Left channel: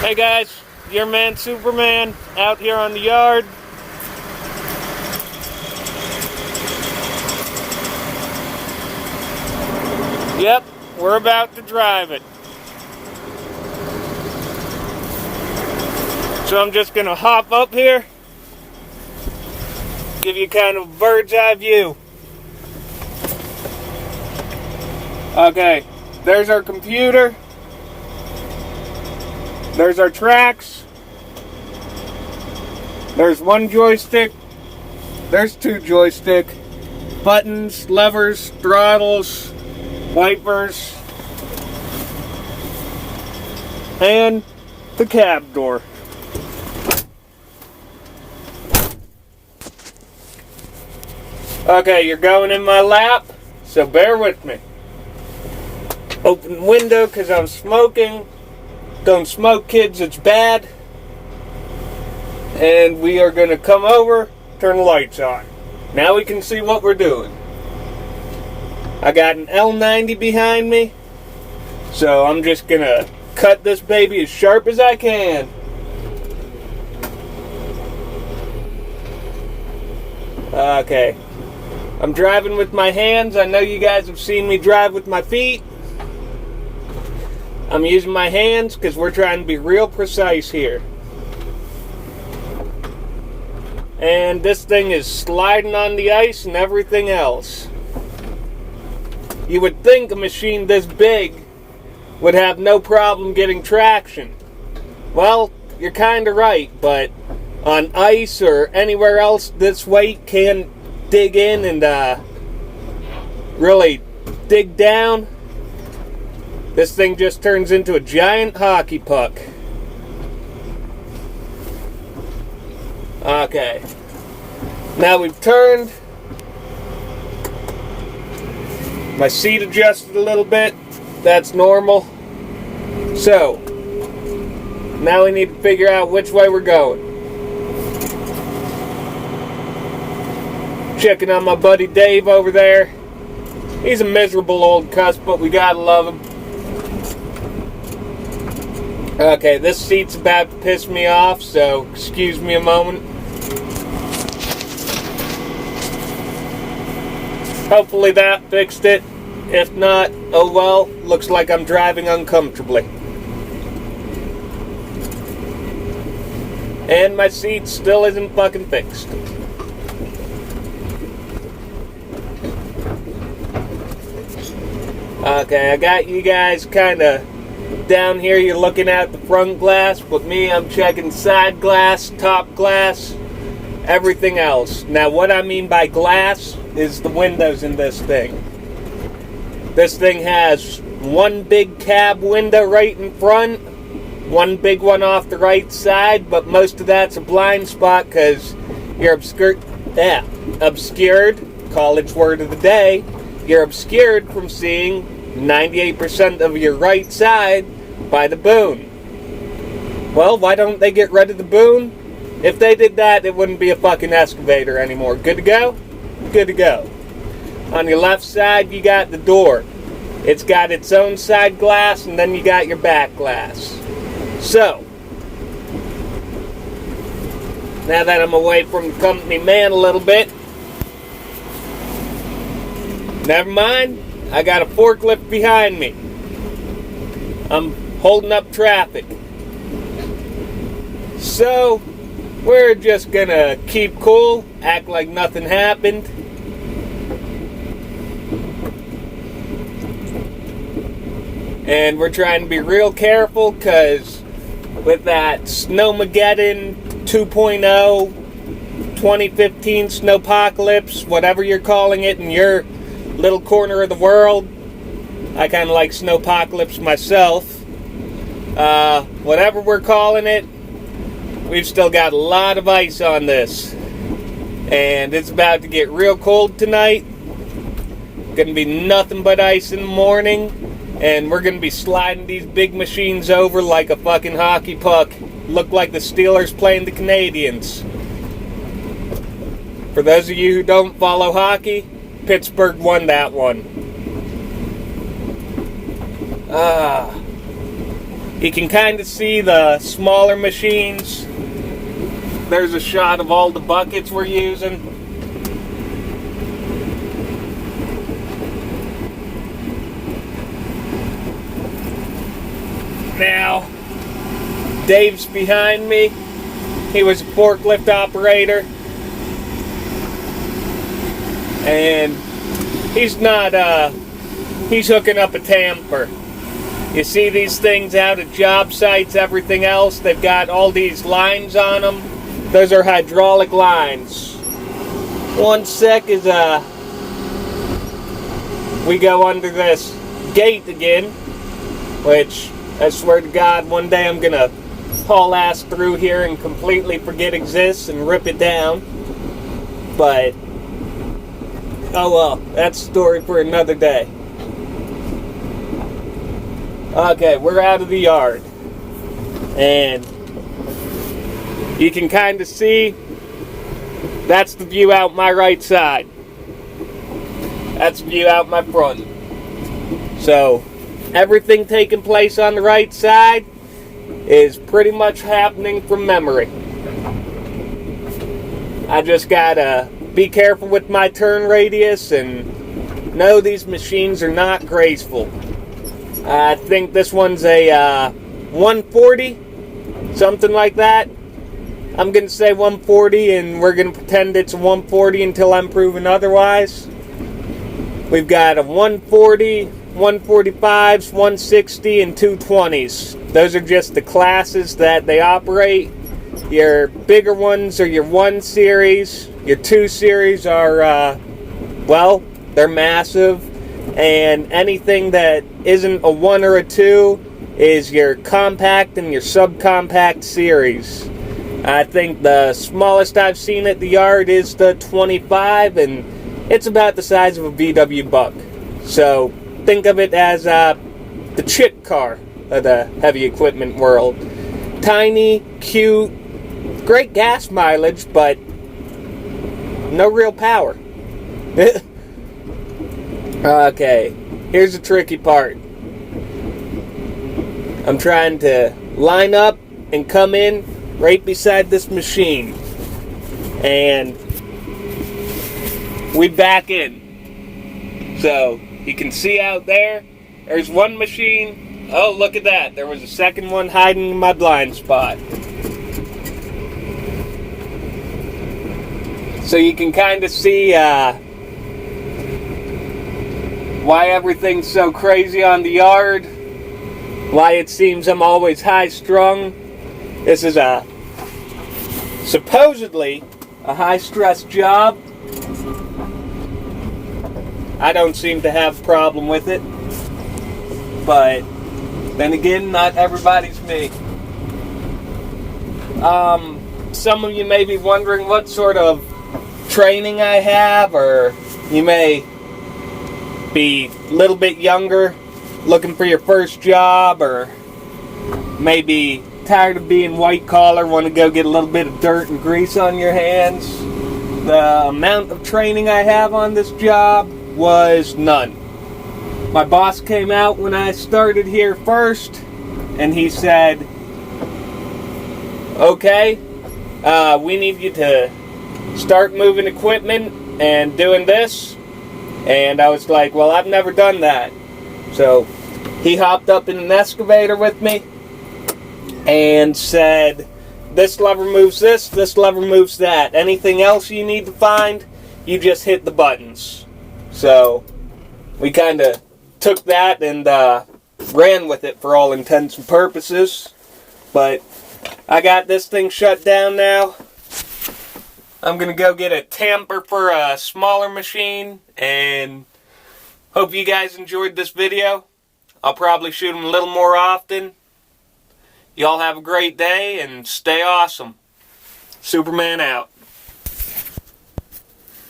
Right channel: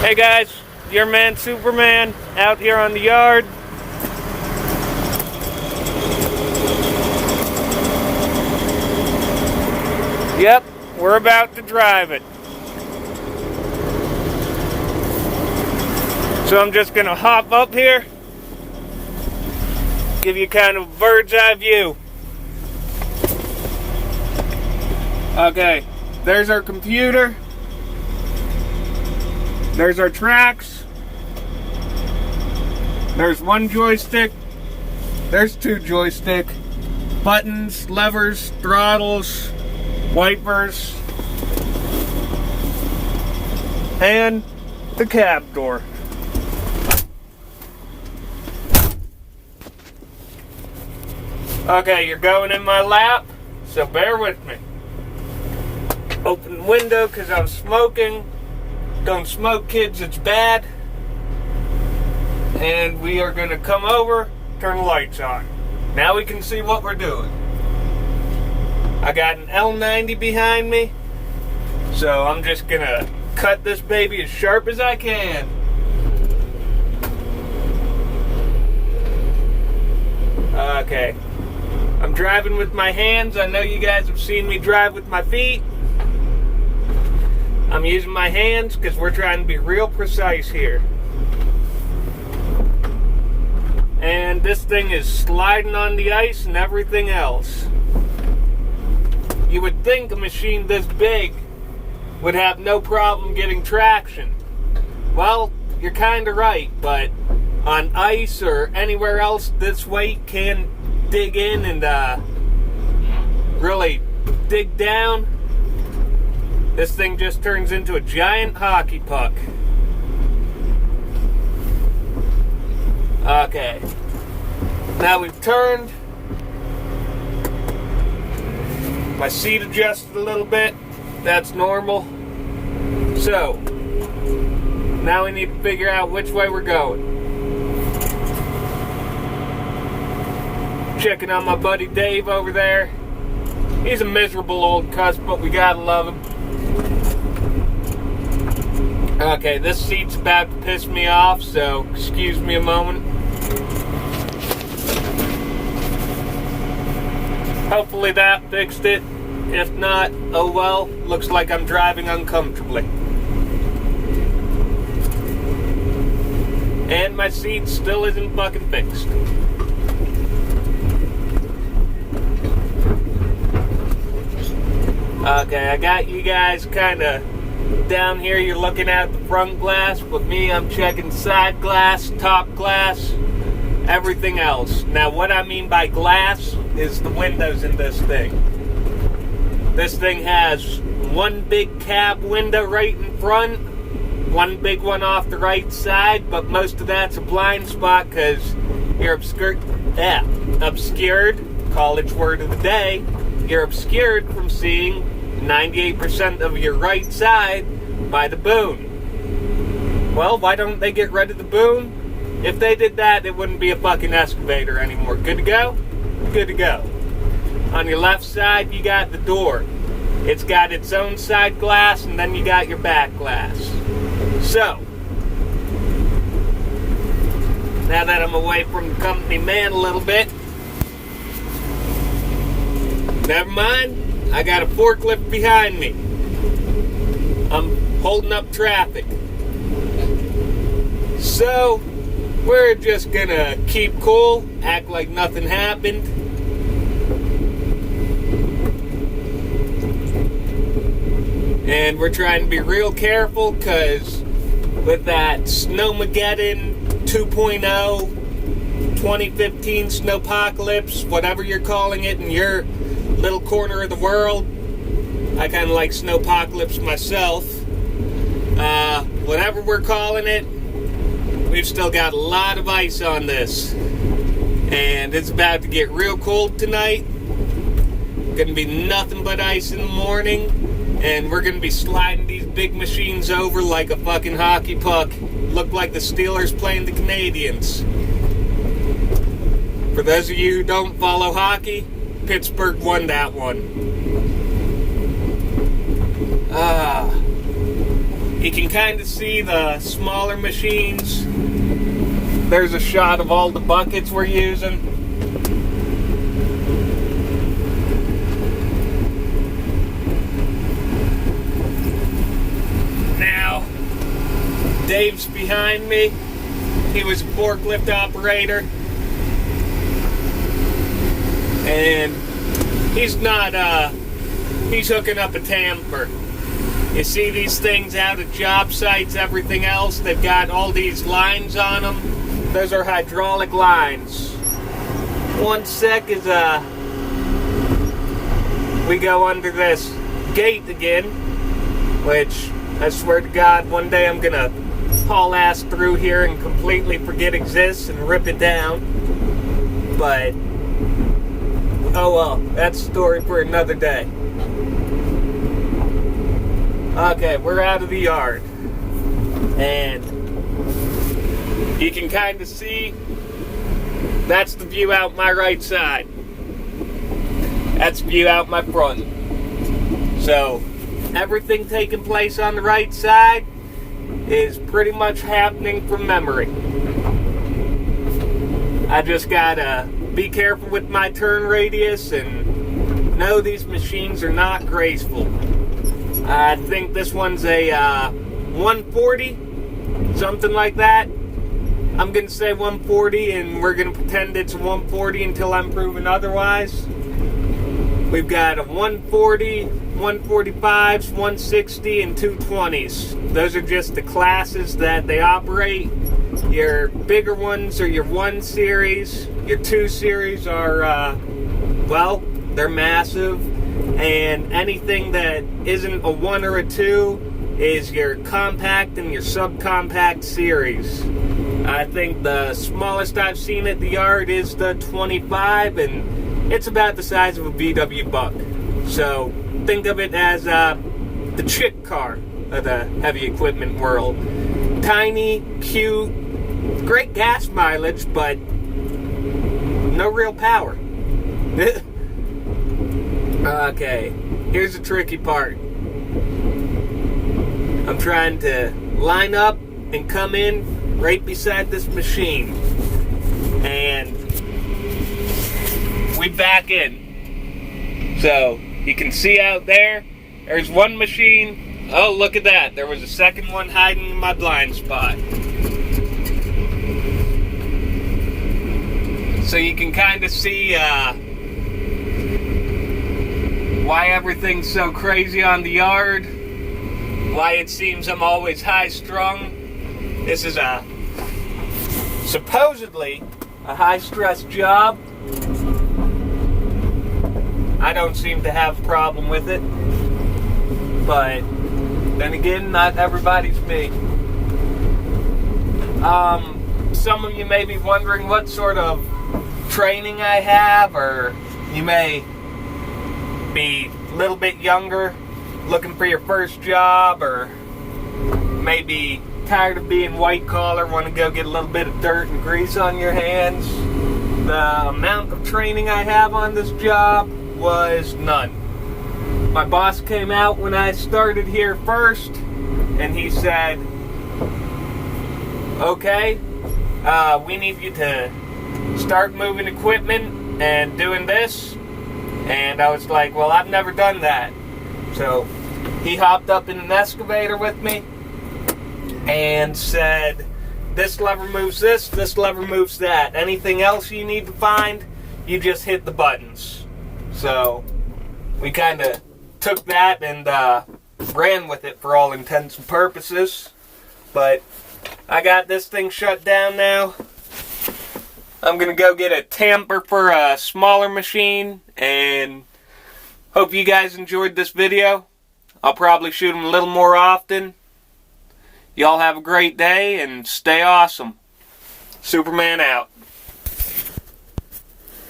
Hey guys, your man Superman out here on the yard. Yep, we're about to drive it. So I'm just gonna hop up here, give you kind of a bird's eye view. Okay, there's our computer. There's our tracks. There's one joystick. There's two joystick. Buttons, levers, throttles, wipers, and the cab door. Okay, you're going in my lap, so bear with me. Open the window because I'm smoking. Don't smoke, kids, it's bad. And we are going to come over, turn the lights on. Now we can see what we're doing. I got an L90 behind me, so I'm just going to cut this baby as sharp as I can. Okay. I'm driving with my hands. I know you guys have seen me drive with my feet. I'm using my hands because we're trying to be real precise here. And this thing is sliding on the ice and everything else. You would think a machine this big would have no problem getting traction. Well, you're kind of right, but on ice or anywhere else, this weight can dig in and really dig down. This thing just turns into a giant hockey puck. Okay. Now we've turned. My seat adjusted a little bit. That's normal. So, now we need to figure out which way we're going. Checking on my buddy Dave over there. He's a miserable old cuss, but we gotta love him. Okay, this seat's about to piss me off, so excuse me a moment. Hopefully that fixed it. If not, oh well, looks like I'm driving uncomfortably. And my seat still isn't fucking fixed. Okay, I got you guys kind of down here. You're looking at the front glass, but me, I'm checking side glass, top glass, everything else. Now, what I mean by glass is the windows in this thing. This thing has one big cab window right in front, one big one off the right side, but most of that's a blind spot because you're obscured, college word of the day, you're obscured from seeing 98% of your right side by the boom. Well, why don't they get rid of the boom? If they did that, it wouldn't be a fucking excavator anymore. Good to go? Good to go. On your left side, you got the door. It's got its own side glass, and then you got your back glass. So, now that I'm away from the company man a little bit, never mind, I got a forklift behind me. I'm holding up traffic. So, we're just gonna keep cool, act like nothing happened. And we're trying to be real careful because with that Snowmageddon 2.0, 2015 snowpocalypse, whatever you're calling it in your little corner of the world, I kind of like snowpocalypse myself. Whatever we're calling it, we've still got a lot of ice on this. And it's about to get real cold tonight. Gonna be nothing but ice in the morning. And we're going to be sliding these big machines over like a fucking hockey puck. Look like the Steelers playing the Canadians. For those of you who don't follow hockey, Pittsburgh won that one. You can kind of see the smaller machines. There's a shot of all the buckets we're using. Now, Dave's behind me. He was a forklift operator. And he's not, he's hooking up a tamper. You see these things out at job sites, everything else, they've got all these lines on them. Those are hydraulic lines. One sec as we go under this gate again, which I swear to God, one day I'm gonna haul ass through here and completely forget exists and rip it down. But, oh well, that's a story for another day. Okay, we're out of the yard. And you can kind of see, that's the view out my right side. That's the view out my front. So, everything taking place on the right side is pretty much happening from memory. I just gotta be careful with my turn radius and know these machines are not graceful. I think this one's a 140, something like that. I'm going to say 140, and we're going to pretend it's a 140 until I'm proven otherwise. We've got a 140, 145s, 160, and 220s. Those are just the classes that they operate. Your bigger ones are your 1 series. Your 2 series are, well, they're massive. And anything that isn't a 1 or a 2 is your compact and your subcompact series. I think the smallest I've seen at the yard is the 25, and it's about the size of a VW Buck. So think of it as the chick car of the heavy equipment world. Tiny, cute, great gas mileage, but no real power. Okay, here's the tricky part. I'm trying to line up and come in right beside this machine. And we back in. So, you can see out there, there's one machine. Oh, look at that. There was a second one hiding in my blind spot. So you can kind of see why everything's so crazy on the yard, why it seems I'm always high-strung. This is supposedly a high-stress job. I don't seem to have a problem with it, but then again, not everybody's me. Some of you may be wondering what sort of training I have, or you may be a little bit younger, looking for your first job, or maybe tired of being white collar, want to go get a little bit of dirt and grease on your hands. The amount of training I have on this job was none. My boss came out when I started here first, and he said, okay, we need you to start moving equipment and doing this. And I was like, well, I've never done that. So he hopped up in an excavator with me and said, this lever moves this lever moves that. Anything else you need to find, you just hit the buttons. So we kind of took that and ran with it for all intents and purposes. But I got this thing shut down now. I'm going to go get a tamper for a smaller machine, and hope you guys enjoyed this video. I'll probably shoot them a little more often. Y'all have a great day and stay awesome. Superman out.